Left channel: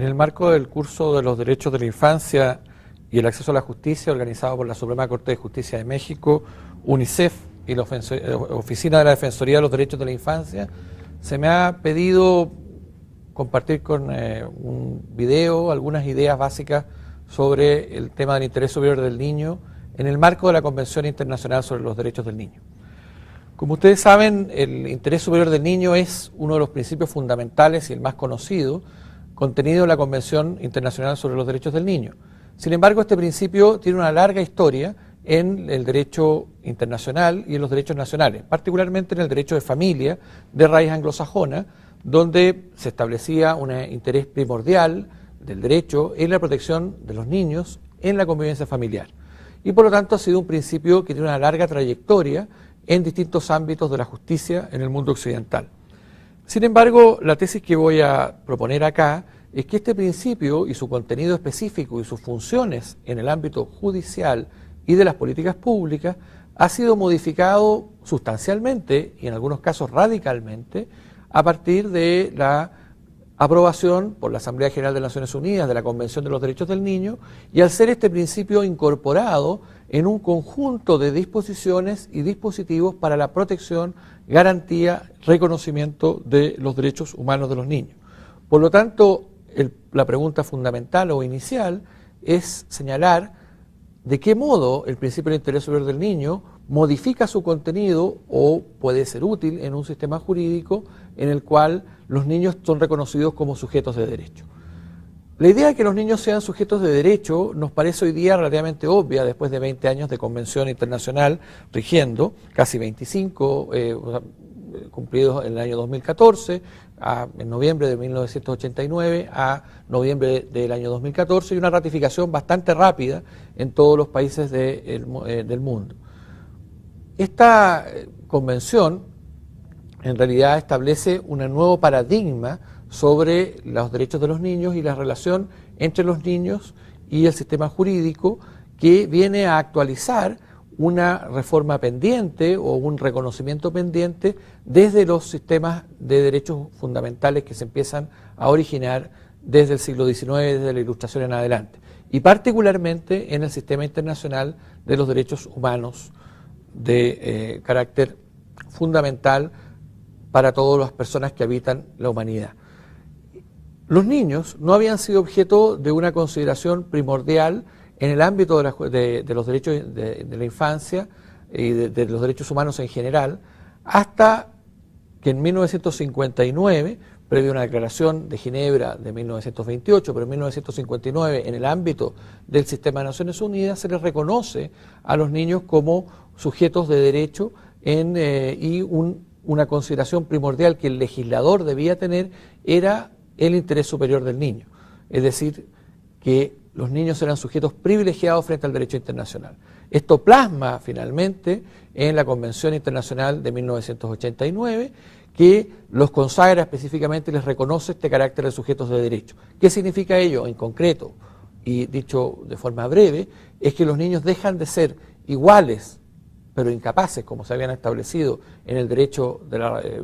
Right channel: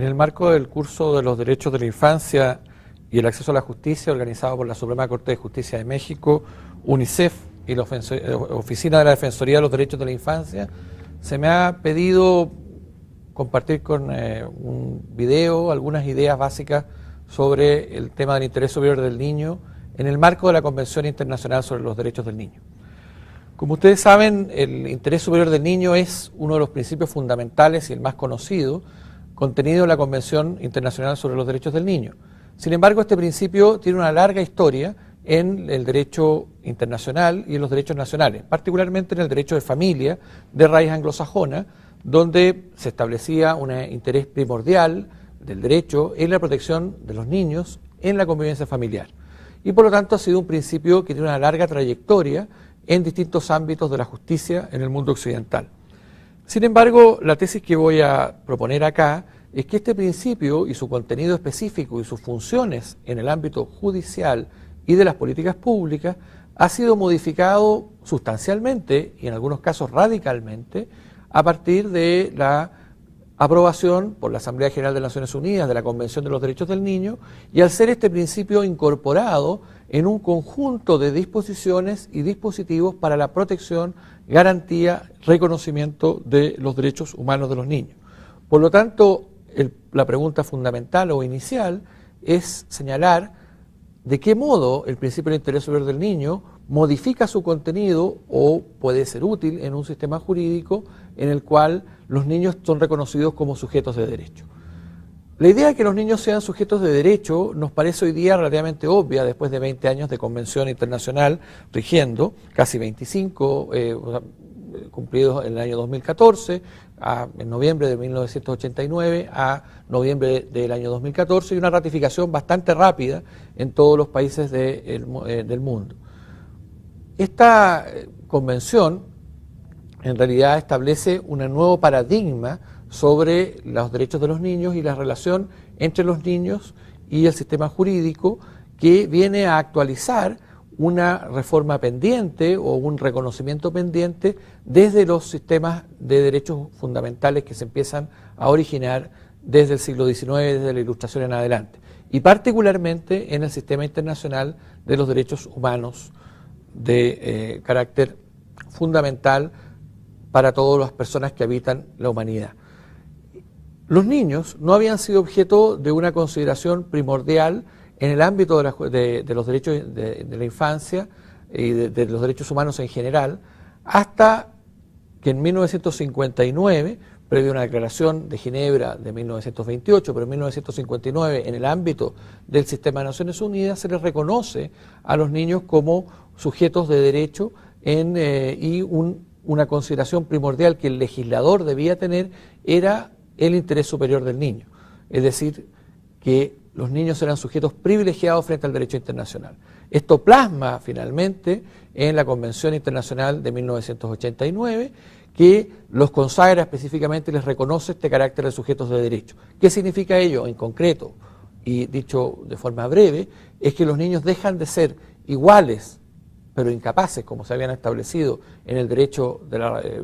En el marco del curso de los derechos de la infancia y el acceso a la justicia, organizado por la Suprema Corte de Justicia de México, UNICEF y la Oficina de la Defensoría de los Derechos de la Infancia, se me ha pedido compartir con un video algunas ideas básicas sobre el tema del interés superior del niño en el marco de la Convención Internacional sobre los Derechos del Niño. Como ustedes saben, el interés superior del niño es uno de los principios fundamentales y el más conocido contenido en la Convención Internacional sobre los Derechos del Niño. Sin embargo, este principio tiene una larga historia en el derecho internacional y en los derechos nacionales, particularmente en el derecho de familia de raíz anglosajona, donde se establecía un interés primordial del derecho en la protección de los niños en la convivencia familiar. Y por lo tanto ha sido un principio que tiene una larga trayectoria en distintos ámbitos de la justicia en el mundo occidental. Sin embargo, la tesis que voy a proponer acá es que este principio y su contenido específico y sus funciones en el ámbito judicial y de las políticas públicas ha sido modificado sustancialmente y en algunos casos radicalmente a partir de la aprobación por la Asamblea General de Naciones Unidas de la Convención de los Derechos del Niño y al ser este principio incorporado en un conjunto de disposiciones y dispositivos para la protección, garantía, reconocimiento de los derechos humanos de los niños. Por lo tanto, la pregunta fundamental o inicial es señalar de qué modo el principio del interés superior del niño modifica su contenido o puede ser útil en un sistema jurídico en el cual los niños son reconocidos como sujetos de derecho. La idea de que los niños sean sujetos de derecho nos parece hoy día relativamente obvia después de 20 años de convención internacional rigiendo, casi 25 cumplidos en el año 2014, en noviembre de 1989 a noviembre del año 2014 y una ratificación bastante rápida en todos los países del mundo. Esta convención en realidad establece un nuevo paradigma sobre los derechos de los niños y la relación entre los niños y el sistema jurídico que viene a actualizar una reforma pendiente o un reconocimiento pendiente desde los sistemas de derechos fundamentales que se empiezan a originar desde el siglo XIX, desde la Ilustración en adelante, y particularmente en el sistema internacional de los derechos humanos de carácter fundamental para todas las personas que habitan la humanidad. Los niños no habían sido objeto de una consideración primordial en el ámbito de los derechos de la infancia y de los derechos humanos en general, hasta que en 1959, previo a una declaración de Ginebra de 1928, pero en 1959 en el ámbito del sistema de Naciones Unidas se les reconoce a los niños como sujetos de derecho y una consideración primordial que el legislador debía tener era el interés superior del niño, es decir, que los niños eran sujetos privilegiados frente al derecho internacional. Esto plasma finalmente en la Convención Internacional de 1989, que los consagra específicamente y les reconoce este carácter de sujetos de derecho. ¿Qué significa ello en concreto? Y dicho de forma breve, es que los niños dejan de ser iguales, pero incapaces, como se habían establecido en el derecho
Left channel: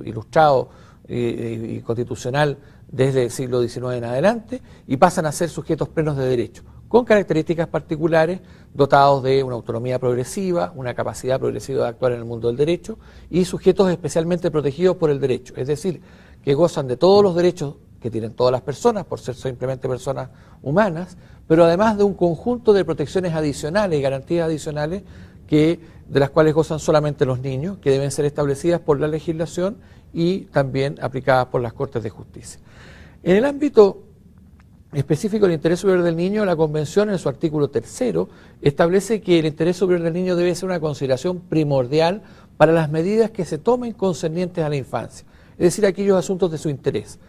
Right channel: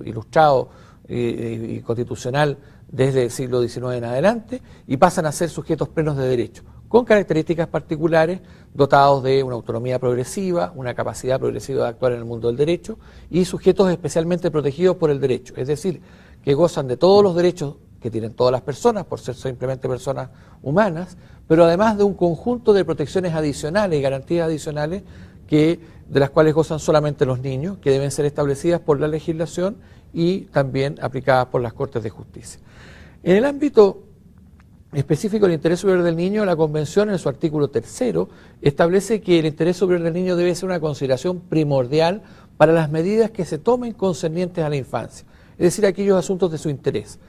ilustrado y constitucional desde el siglo XIX en adelante, y pasan a ser sujetos plenos de derecho, con características particulares, dotados de una autonomía progresiva, una capacidad progresiva de actuar en el mundo del derecho, y sujetos especialmente protegidos por el derecho, es decir, que gozan de todos los derechos que tienen todas las personas, por ser simplemente personas humanas, pero además de un conjunto de protecciones adicionales y garantías adicionales de las cuales gozan solamente los niños, que deben ser establecidas por la legislación y también aplicadas por las Cortes de Justicia. En el ámbito específico del interés superior del niño, la Convención en su artículo 3 establece que el interés superior del niño debe ser una consideración primordial para las medidas que se tomen concernientes a la infancia, es decir, aquellos asuntos de su interés.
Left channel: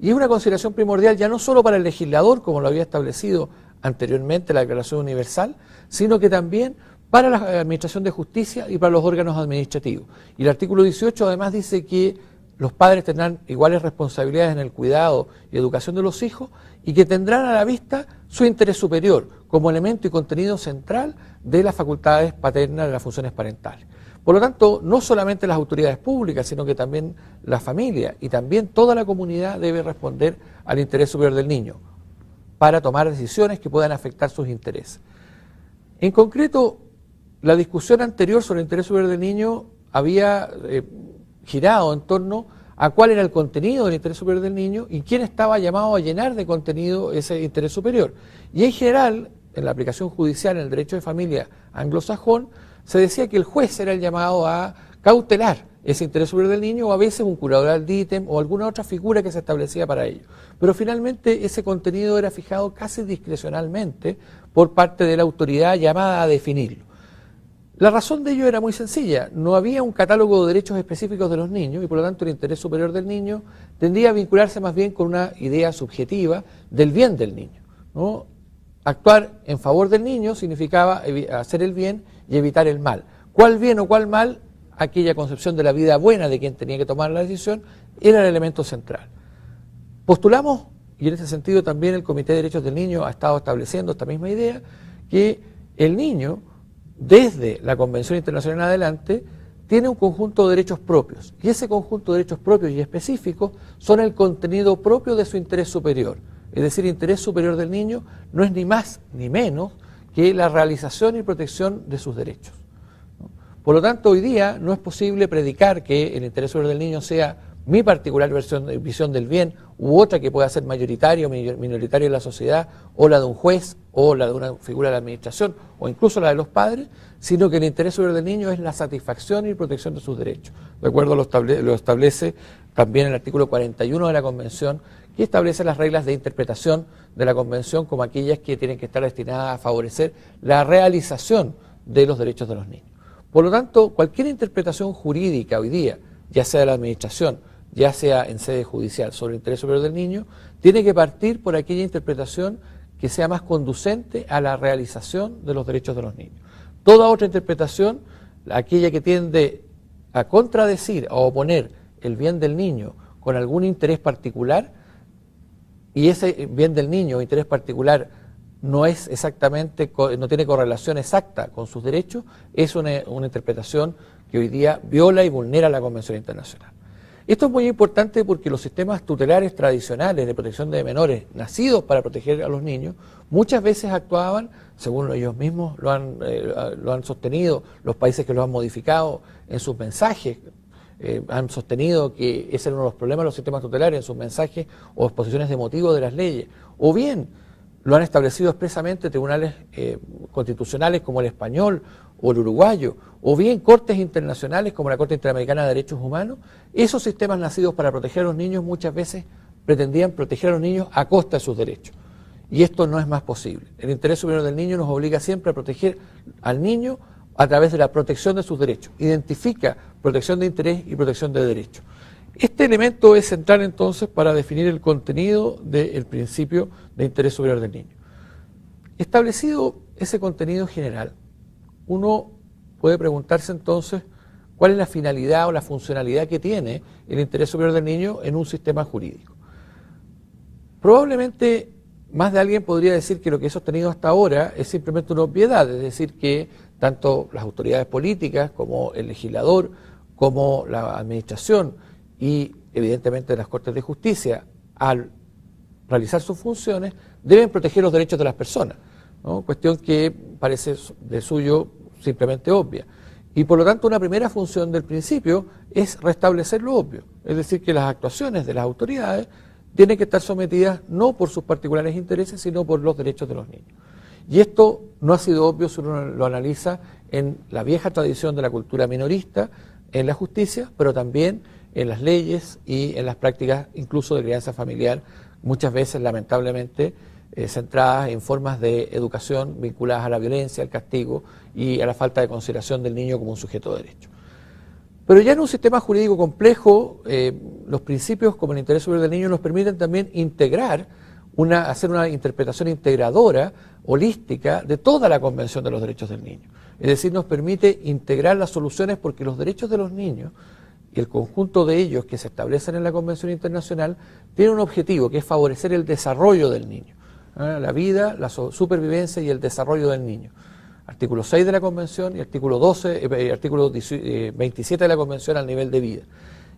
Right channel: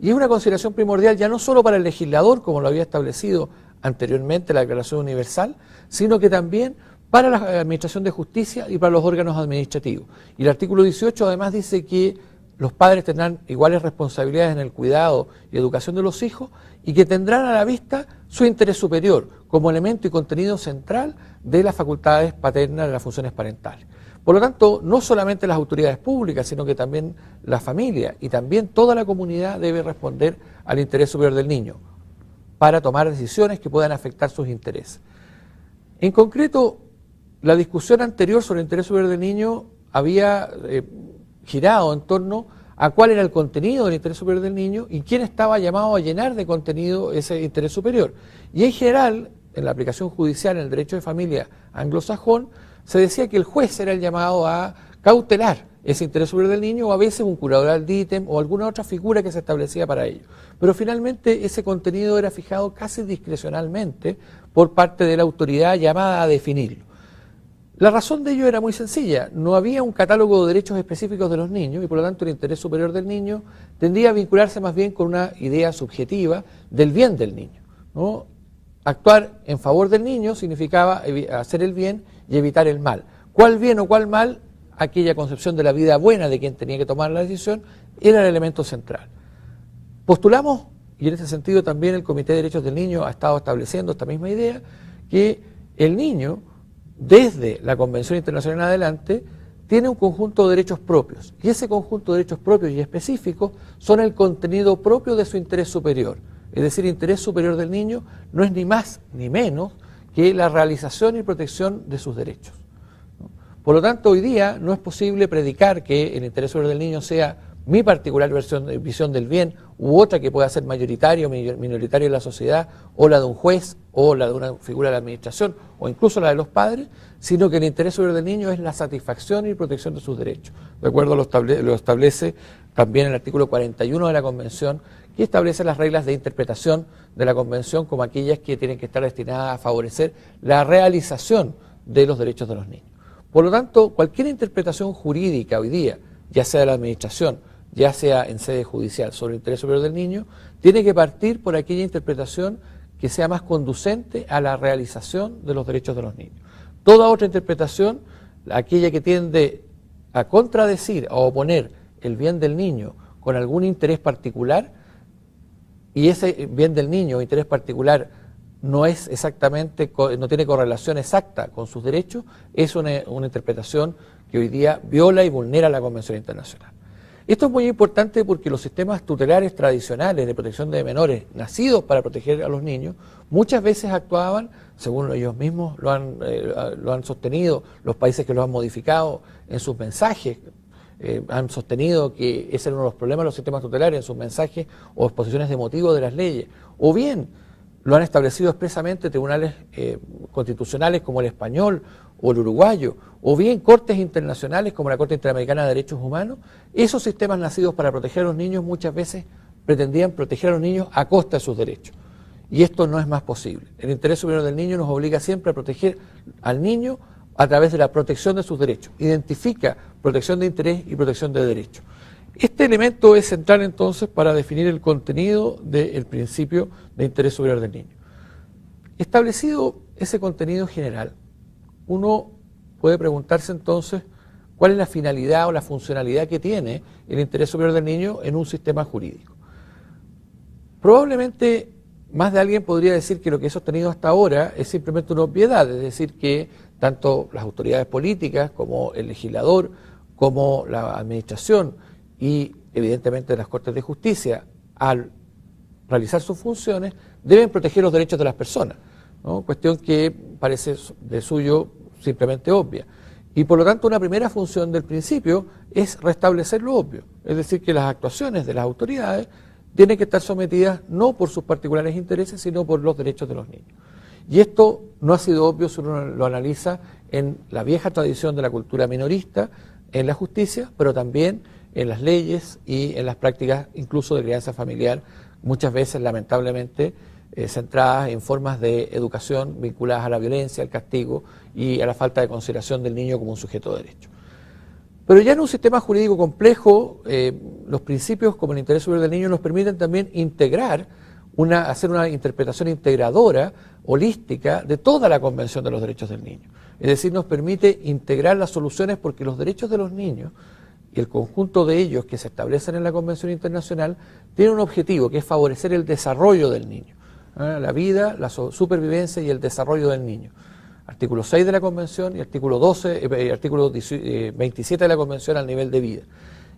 Y es una consideración primordial ya no solo para el legislador, como lo había establecido anteriormente la Declaración Universal, sino que también para la Administración de Justicia y para los órganos administrativos. Y el artículo 18 además dice que los padres tendrán iguales responsabilidades en el cuidado y educación de los hijos y que tendrán a la vista su interés superior como elemento y contenido central de las facultades paternas, de las funciones parentales. Por lo tanto, no solamente las autoridades públicas, sino que también la familia y también toda la comunidad debe responder al interés superior del niño. para tomar decisiones que puedan afectar sus intereses. En concreto, la discusión anterior sobre el interés superior del niño había girado en torno a cuál era el contenido del interés superior del niño y quién estaba llamado a llenar de contenido ese interés superior. Y en general, en la aplicación judicial, en el derecho de familia anglosajón, se decía que el juez era el llamado a cautelar ese interés superior del niño, o a veces un curador ad litem o alguna otra figura que se establecía para ello. Pero finalmente ese contenido era fijado casi discrecionalmente por parte de la autoridad llamada a definirlo. La razón de ello era muy sencilla: no había un catálogo de derechos específicos de los niños y por lo tanto el interés superior del niño tendría a vincularse más bien con una idea subjetiva del bien del niño, ¿no? Actuar en favor del niño significaba hacer el bien y evitar el mal. ¿Cuál bien o cuál mal? Aquella concepción de la vida buena de quien tenía que tomar la decisión era el elemento central. Postulamos, y en ese sentido también el Comité de Derechos del Niño ha estado estableciendo esta misma idea, que el niño, desde la Convención Internacional en adelante, tiene un conjunto de derechos propios, y ese conjunto de derechos propios y específicos son el contenido propio de su interés superior. Es decir, el interés superior del niño no es ni más ni menos que la realización y protección de sus derechos. Por lo tanto, hoy día no es posible predicar que el interés superior del niño sea mi particular visión del bien u otra que pueda ser mayoritaria o minoritaria en la sociedad, o la de un juez, o la de una figura de la administración, o incluso la de los padres, sino que el interés superior del niño es la satisfacción y protección de sus derechos. De acuerdo lo establece también el artículo 41 de la Convención, que establece las reglas de interpretación de la Convención como aquellas que tienen que estar destinadas a favorecer la realización de los derechos de los niños. Por lo tanto, cualquier interpretación jurídica hoy día, ya sea de la administración, ya sea en sede judicial, sobre el interés superior del niño, tiene que partir por aquella interpretación que sea más conducente a la realización de los derechos de los niños. Toda otra interpretación, aquella que tiende a contradecir, a oponer el bien del niño con algún interés particular, y ese bien del niño o interés particular no es exactamente, no tiene correlación exacta con sus derechos, es una interpretación que hoy día viola y vulnera la Convención Internacional. Esto es muy importante porque los sistemas tutelares tradicionales de protección de menores, nacidos para proteger a los niños, muchas veces actuaban, según ellos mismos lo han sostenido, los países que lo han modificado en sus mensajes, han sostenido que ese era uno de los problemas de los sistemas tutelares en sus mensajes o exposiciones de motivos de las leyes, o bien lo han establecido expresamente tribunales constitucionales como el español o el uruguayo, o bien cortes internacionales como la Corte Interamericana de Derechos Humanos. Esos sistemas nacidos para proteger a los niños muchas veces pretendían proteger a los niños a costa de sus derechos. Y esto no es más posible. El interés superior del niño nos obliga siempre a proteger al niño a través de la protección de sus derechos. Identifica protección de interés y protección de derechos. Este elemento es central entonces para definir el contenido del principio de interés superior del niño. Establecido ese contenido general, uno puede preguntarse entonces cuál es la finalidad o la funcionalidad que tiene el interés superior del niño en un sistema jurídico. Probablemente más de alguien podría decir que lo que he sostenido hasta ahora es simplemente una obviedad, es decir, que tanto las autoridades políticas como el legislador, como la administración y evidentemente las Cortes de Justicia, al realizar sus funciones, deben proteger los derechos de las personas, ¿no? Cuestión que parece de suyo simplemente obvia. Y por lo tanto una primera función del principio es restablecer lo obvio, es decir, que las actuaciones de las autoridades tienen que estar sometidas no por sus particulares intereses, sino por los derechos de los niños. Y esto no ha sido obvio si uno lo analiza en la vieja tradición de la cultura minorista, en la justicia, pero también en las leyes y en las prácticas incluso de crianza familiar, muchas veces lamentablemente centradas en formas de educación vinculadas a la violencia, al castigo y a la falta de consideración del niño como un sujeto de derecho. Pero ya en un sistema jurídico complejo, los principios como el interés superior del niño nos permiten también integrar, hacer una interpretación integradora, holística, de toda la Convención de los Derechos del Niño. Es decir, nos permite integrar las soluciones porque los derechos de los niños y el conjunto de ellos que se establecen en la Convención Internacional tienen un objetivo, que es favorecer el desarrollo del niño, la vida, la supervivencia y el desarrollo del niño. Artículo 6 de la Convención y artículo 27 de la Convención al nivel de vida.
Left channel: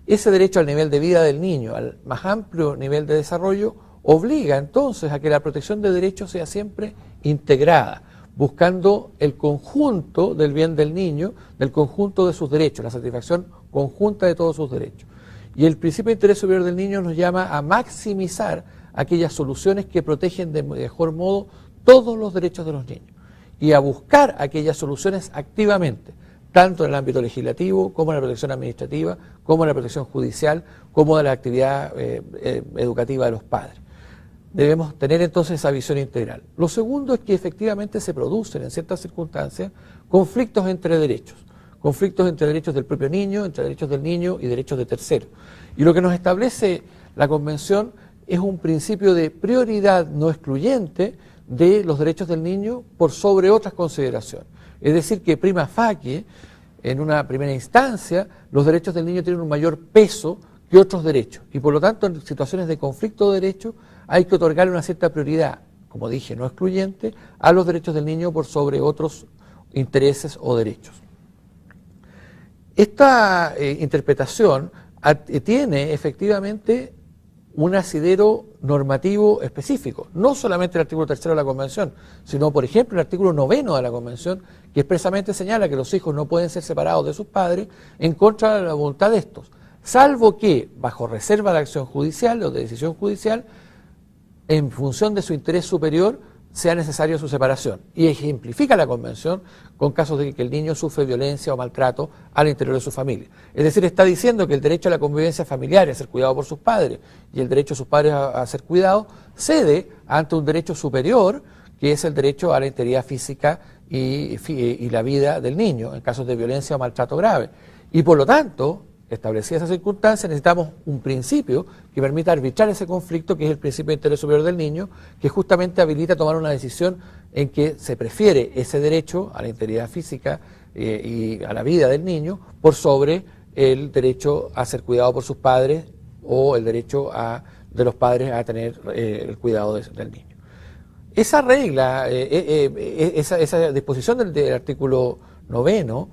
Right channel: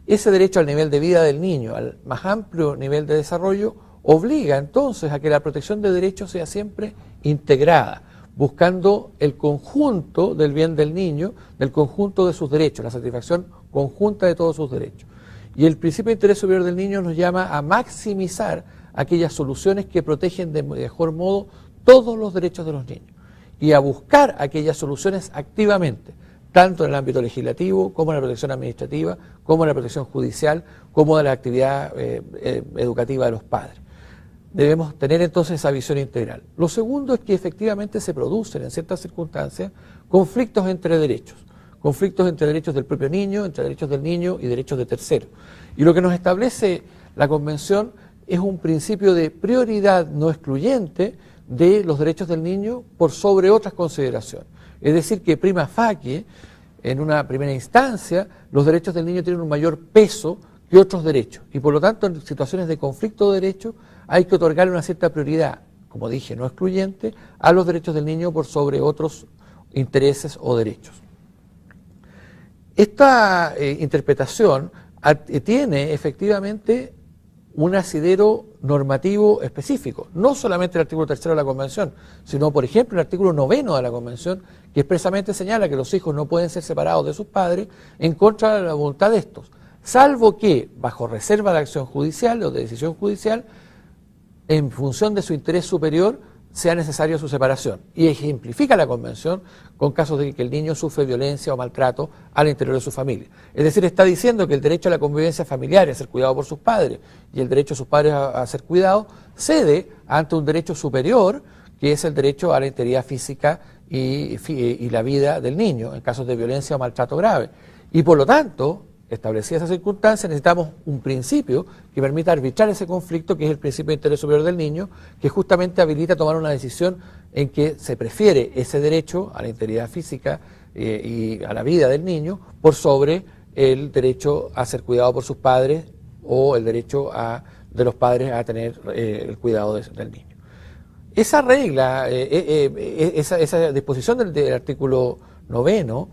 Ese derecho al nivel de vida del niño, al más amplio nivel de desarrollo, obliga entonces a que la protección de derechos sea siempre integrada, buscando el conjunto del bien del niño, del conjunto de sus derechos, la satisfacción conjunta de todos sus derechos. Y el principio de interés superior del niño nos llama a maximizar aquellas soluciones que protegen de mejor modo todos los derechos de los niños y a buscar aquellas soluciones activamente, tanto en el ámbito legislativo como en la protección administrativa, como en la protección judicial, como en la actividad educativa de los padres. Debemos tener entonces esa visión integral. Lo segundo es que efectivamente se producen en ciertas circunstancias conflictos entre derechos del propio niño, entre derechos del niño y derechos de terceros. Y lo que nos establece la Convención es un principio de prioridad no excluyente de los derechos del niño por sobre otras consideraciones. Es decir, que prima facie, en una primera instancia, los derechos del niño tienen un mayor peso que otros derechos. Y por lo tanto, en situaciones de conflicto de derechos, hay que otorgarle una cierta prioridad, como dije, no excluyente, a los derechos del niño por sobre otros intereses o derechos. Esta interpretación tiene efectivamente un asidero normativo específico, no solamente el artículo 3 de la Convención, sino, por ejemplo, el artículo 9 de la Convención, que expresamente señala que los hijos no pueden ser separados de sus padres en contra de la voluntad de estos, salvo que, bajo reserva de acción judicial o de decisión judicial, en función de su interés superior, sea necesario su separación. Y ejemplifica la Convención con casos de que el niño sufre violencia o maltrato al interior de su familia. Es decir, está diciendo que el derecho a la convivencia familiar y a ser cuidado por sus padres y el derecho de sus padres a ser cuidados cede ante un derecho superior, que es el derecho a la integridad física y la vida del niño en casos de violencia o maltrato grave. Y por lo tanto, establecida esa circunstancia, necesitamos un principio que permita arbitrar ese conflicto, que es el principio de interés superior del niño, que justamente habilita tomar una decisión en que se prefiere ese derecho a la integridad física y a la vida del niño por sobre el derecho a ser cuidado por sus padres o el derecho de los padres a tener el cuidado del niño. Esa regla, esa disposición del artículo 9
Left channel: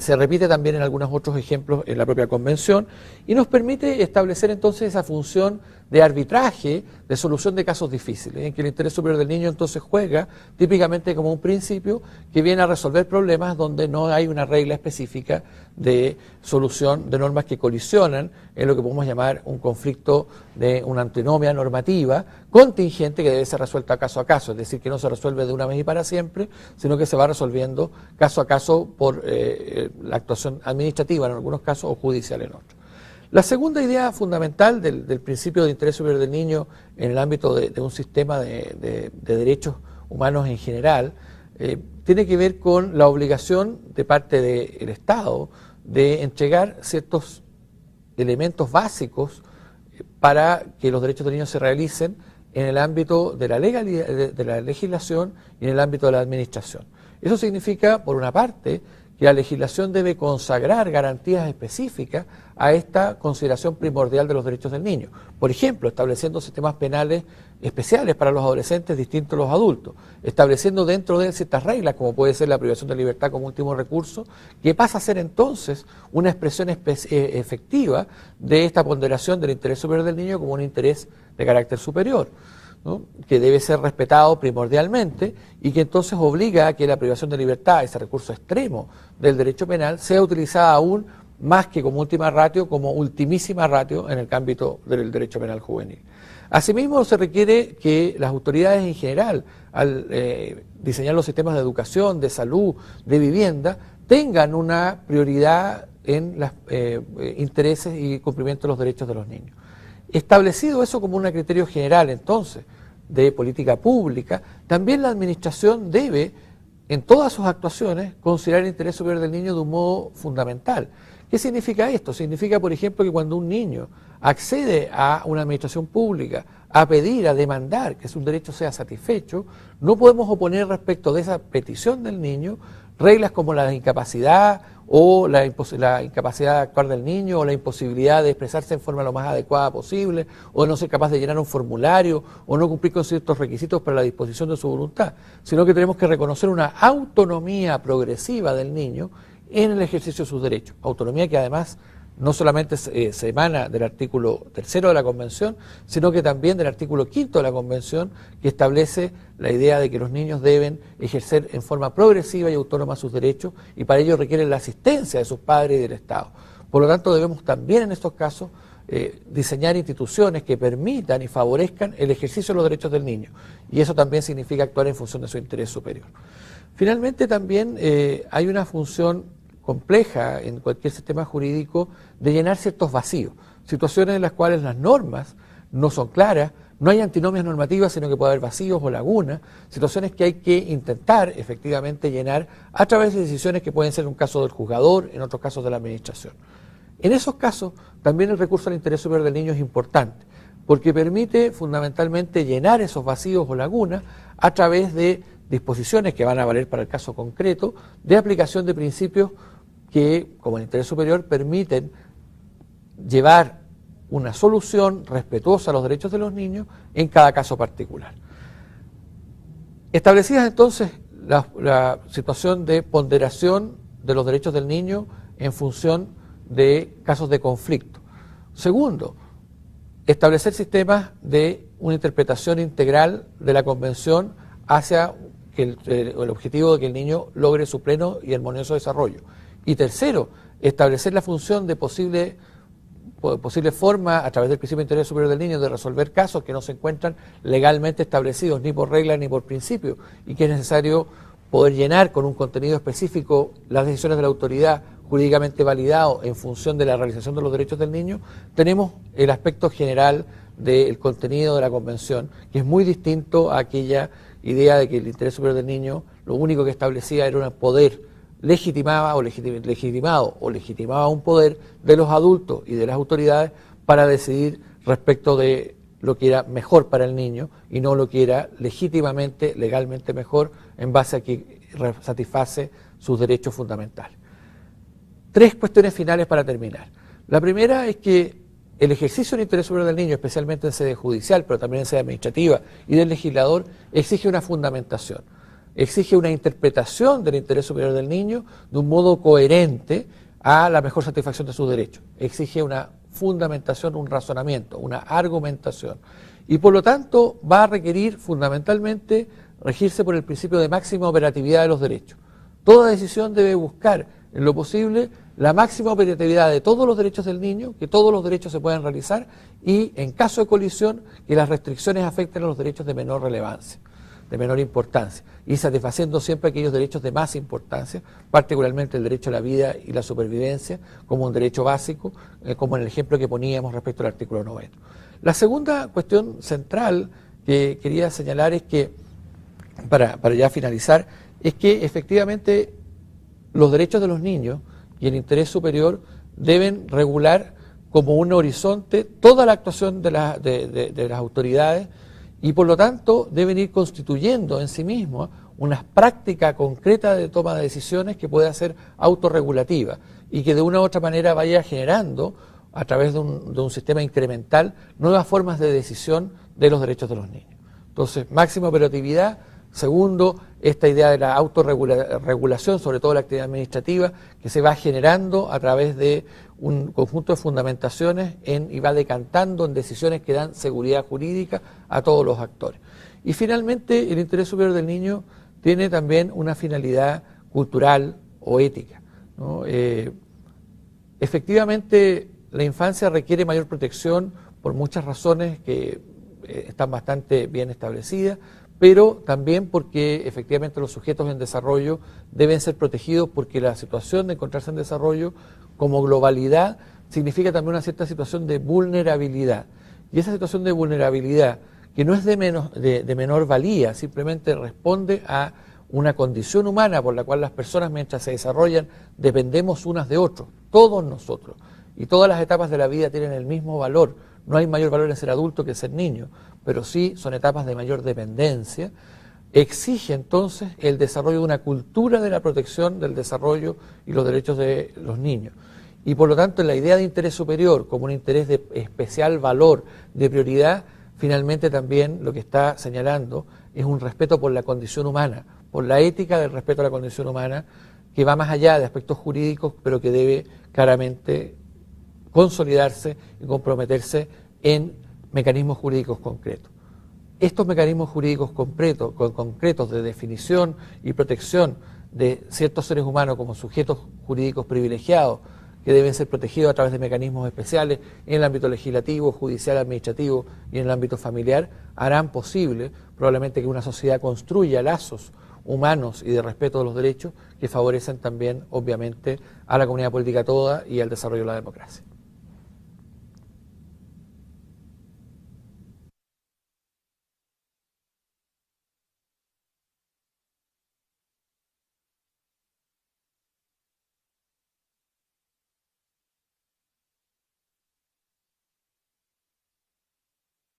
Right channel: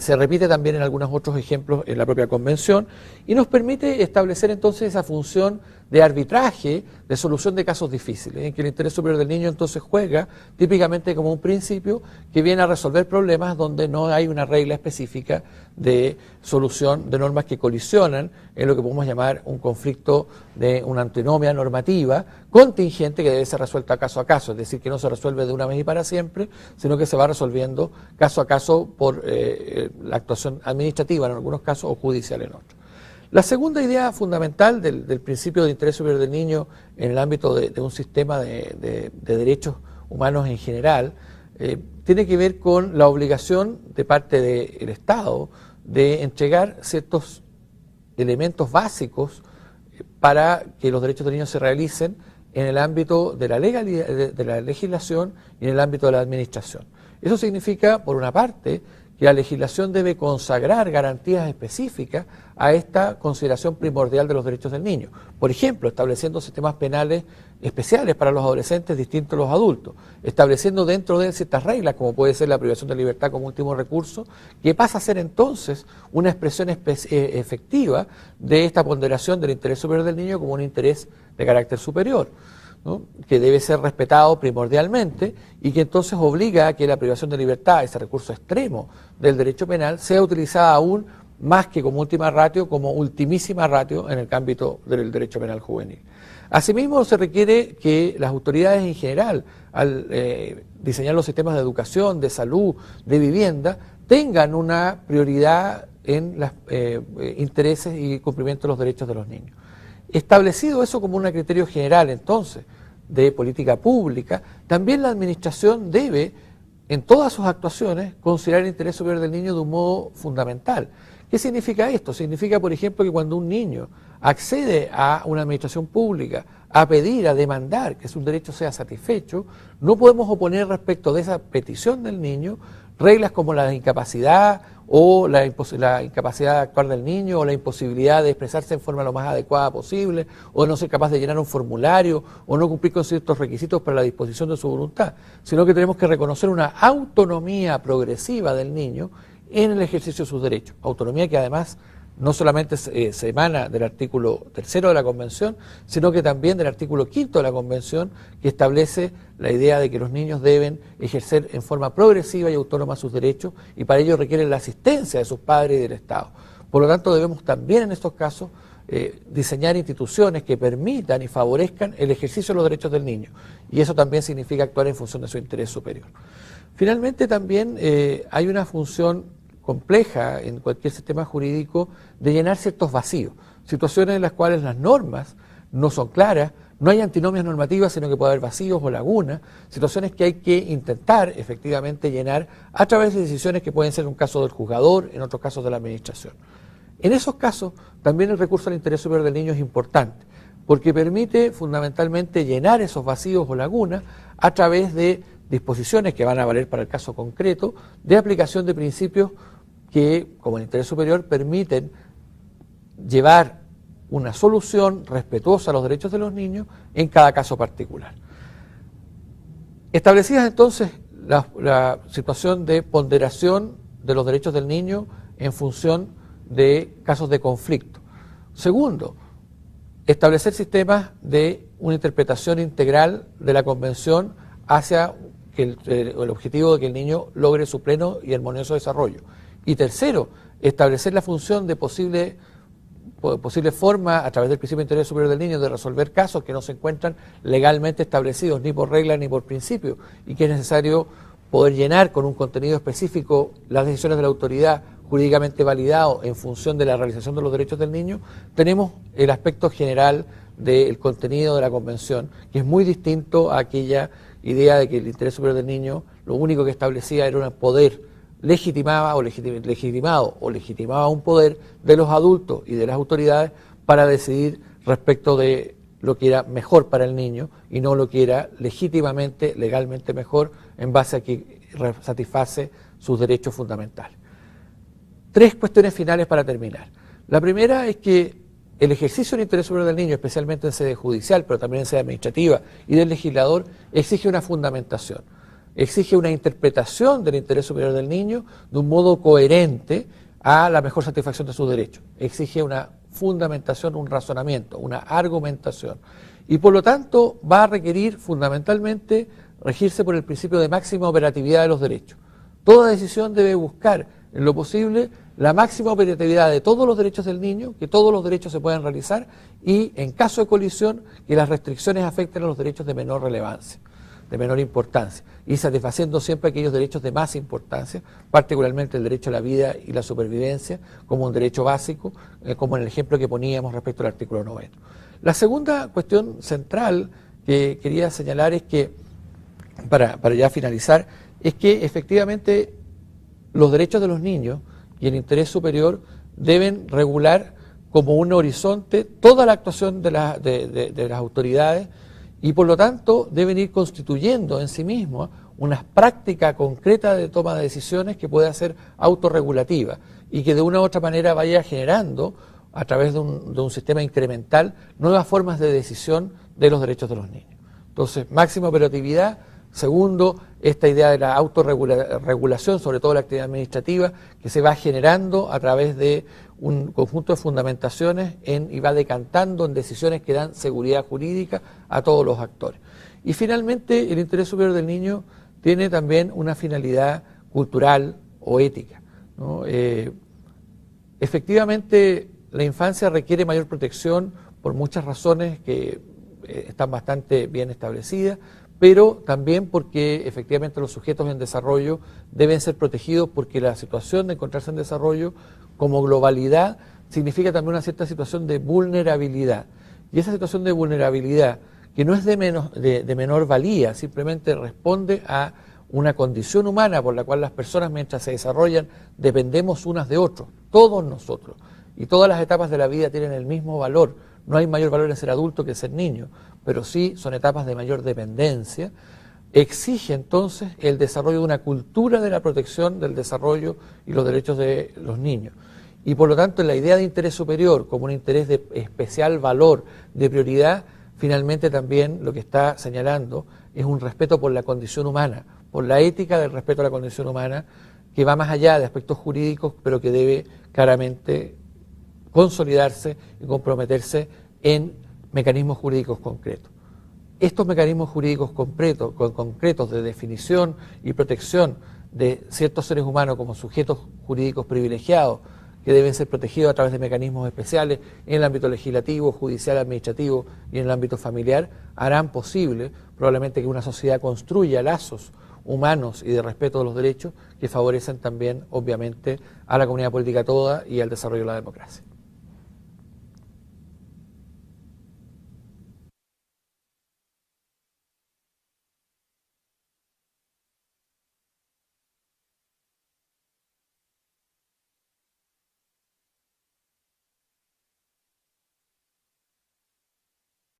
se repite también en algunos otros ejemplos en la propia Convención y nos permite establecer entonces esa función de arbitraje, de solución de casos difíciles, en que el interés superior del niño entonces juega típicamente como un principio que viene a resolver problemas donde no hay una regla específica de solución de normas que colisionan en lo que podemos llamar un conflicto de una antinomia normativa contingente que debe ser resuelta caso a caso, es decir, que no se resuelve de una vez y para siempre, sino que se va resolviendo caso a caso por la actuación administrativa en algunos casos o judicial en otros. La segunda idea fundamental del principio de interés superior del niño en el ámbito de un sistema de derechos humanos en general tiene que ver con la obligación de parte del Estado de entregar ciertos elementos básicos para que los derechos del niño se realicen en el ámbito de la legislación y en el ámbito de la administración. Eso significa, por una parte, que la legislación debe consagrar garantías específicas a esta consideración primordial de los derechos del niño. Por ejemplo, estableciendo sistemas penales especiales para los adolescentes distintos a los adultos, estableciendo dentro de él ciertas reglas, como puede ser la privación de libertad como último recurso, que pasa a ser entonces una expresión efectiva de esta ponderación del interés superior del niño como un interés de carácter superior, ¿no?, que debe ser respetado primordialmente y que entonces obliga a que la privación de libertad, ese recurso extremo del derecho penal, sea utilizada aún más que como última ratio, como ultimísima ratio en el ámbito del derecho penal juvenil. Asimismo, se requiere que las autoridades en general, al diseñar los sistemas de educación, de salud, de vivienda, tengan una prioridad en los intereses y cumplimiento de los derechos de los niños. Establecido eso como un criterio general, entonces, de política pública, también la Administración debe, en todas sus actuaciones, considerar el interés superior del niño de un modo fundamental. ¿Qué significa esto? Significa, por ejemplo, que cuando un niño accede a una administración pública a pedir, a demandar que su derecho sea satisfecho, no podemos oponer respecto de esa petición del niño reglas como la incapacidad o la incapacidad de actuar del niño o la imposibilidad de expresarse en forma lo más adecuada posible o no ser capaz de llenar un formulario o no cumplir con ciertos requisitos para la disposición de su voluntad, sino que tenemos que reconocer una autonomía progresiva del niño en el ejercicio de sus derechos, autonomía que además no solamente se emana del artículo 3 de la Convención, sino que también del artículo 5 de la Convención, que establece la idea de que los niños deben ejercer en forma progresiva y autónoma sus derechos, y para ello requieren la asistencia de sus padres y del Estado. Por lo tanto, debemos también en estos casos diseñar instituciones que permitan y favorezcan el ejercicio de los derechos del niño, y eso también significa actuar en función de su interés superior. Finalmente, también hay una función compleja en cualquier sistema jurídico de llenar ciertos vacíos, situaciones en las cuales las normas no son claras, no hay antinomias normativas, sino que puede haber vacíos o lagunas, situaciones que hay que intentar efectivamente llenar a través de decisiones que pueden ser en un caso del juzgador, en otros casos de la administración. En esos casos, también el recurso al interés superior del niño es importante, porque permite fundamentalmente llenar esos vacíos o lagunas a través de disposiciones que van a valer para el caso concreto, de aplicación de principios que, como el interés superior, permiten llevar una solución respetuosa a los derechos de los niños en cada caso particular. Establecidas entonces la situación de ponderación de los derechos del niño en función de casos de conflicto. Segundo, establecer sistemas de una interpretación integral de la Convención hacia el objetivo de que el niño logre su pleno y armonioso desarrollo. Y tercero, establecer la función de posible forma, a través del principio de interés superior del niño, de resolver casos que no se encuentran legalmente establecidos, ni por regla ni por principio, y que es necesario poder llenar con un contenido específico las decisiones de la autoridad jurídicamente validado en función de la realización de los derechos del niño. Tenemos el aspecto general del contenido de la Convención, que es muy distinto a aquella idea de que el interés superior del niño lo único que establecía era un poder legitimado un poder de los adultos y de las autoridades para decidir respecto de lo que era mejor para el niño y no lo que era legítimamente, legalmente mejor en base a que satisface sus derechos fundamentales. Tres cuestiones finales para terminar. La primera es que el ejercicio del interés superior del niño, especialmente en sede judicial, pero también en sede administrativa y del legislador, exige una fundamentación, exige una interpretación del interés superior del niño de un modo coherente a la mejor satisfacción de sus derechos. Exige una fundamentación, un razonamiento, una argumentación. Y por lo tanto va a requerir fundamentalmente regirse por el principio de máxima operatividad de los derechos. Toda decisión debe buscar, en lo posible, la máxima operatividad de todos los derechos del niño, que todos los derechos se puedan realizar y, en caso de colisión, que las restricciones afecten a los derechos de menor relevancia, de menor importancia, y satisfaciendo siempre aquellos derechos de más importancia, particularmente el derecho a la vida y la supervivencia, como un derecho básico, como en el ejemplo que poníamos respecto al artículo 9. La segunda cuestión central que quería señalar es que, para ya finalizar, es que efectivamente los derechos de los niños y el interés superior deben regular como un horizonte toda la actuación de las autoridades, y por lo tanto deben ir constituyendo en sí mismos una práctica concreta de toma de decisiones que pueda ser autorregulativa y que de una u otra manera vaya generando, a través de un sistema incremental, nuevas formas de decisión de los derechos de los niños. Entonces, máxima operatividad. Segundo, esta idea de la autorregulación, sobre todo la actividad administrativa, que se va generando a través de un conjunto de fundamentaciones y va decantando en decisiones que dan seguridad jurídica a todos los actores. Y finalmente, el interés superior del niño tiene también una finalidad cultural o ética, ¿no? Efectivamente, la infancia requiere mayor protección por muchas razones que están bastante bien establecidas, pero también porque efectivamente los sujetos en desarrollo deben ser protegidos, porque la situación de encontrarse en desarrollo como globalidad significa también una cierta situación de vulnerabilidad. Y esa situación de vulnerabilidad, que no es de menor valía, simplemente responde a una condición humana por la cual las personas, mientras se desarrollan, dependemos unas de otros, todos nosotros. Y todas las etapas de la vida tienen el mismo valor. No hay mayor valor en ser adulto que en ser niño, pero sí son etapas de mayor dependencia. Exige entonces el desarrollo de una cultura de la protección del desarrollo y los derechos de los niños. Y por lo tanto, la idea de interés superior como un interés de especial valor, de prioridad, finalmente también lo que está señalando es un respeto por la condición humana, por la ética del respeto a la condición humana, que va más allá de aspectos jurídicos, pero que debe claramente consolidarse y comprometerse en mecanismos jurídicos concretos. Estos mecanismos jurídicos concretos de definición y protección de ciertos seres humanos como sujetos jurídicos privilegiados, que deben ser protegidos a través de mecanismos especiales en el ámbito legislativo, judicial, administrativo y en el ámbito familiar, harán posible probablemente que una sociedad construya lazos humanos y de respeto de los derechos que favorecen también, obviamente, a la comunidad política toda y al desarrollo de la democracia.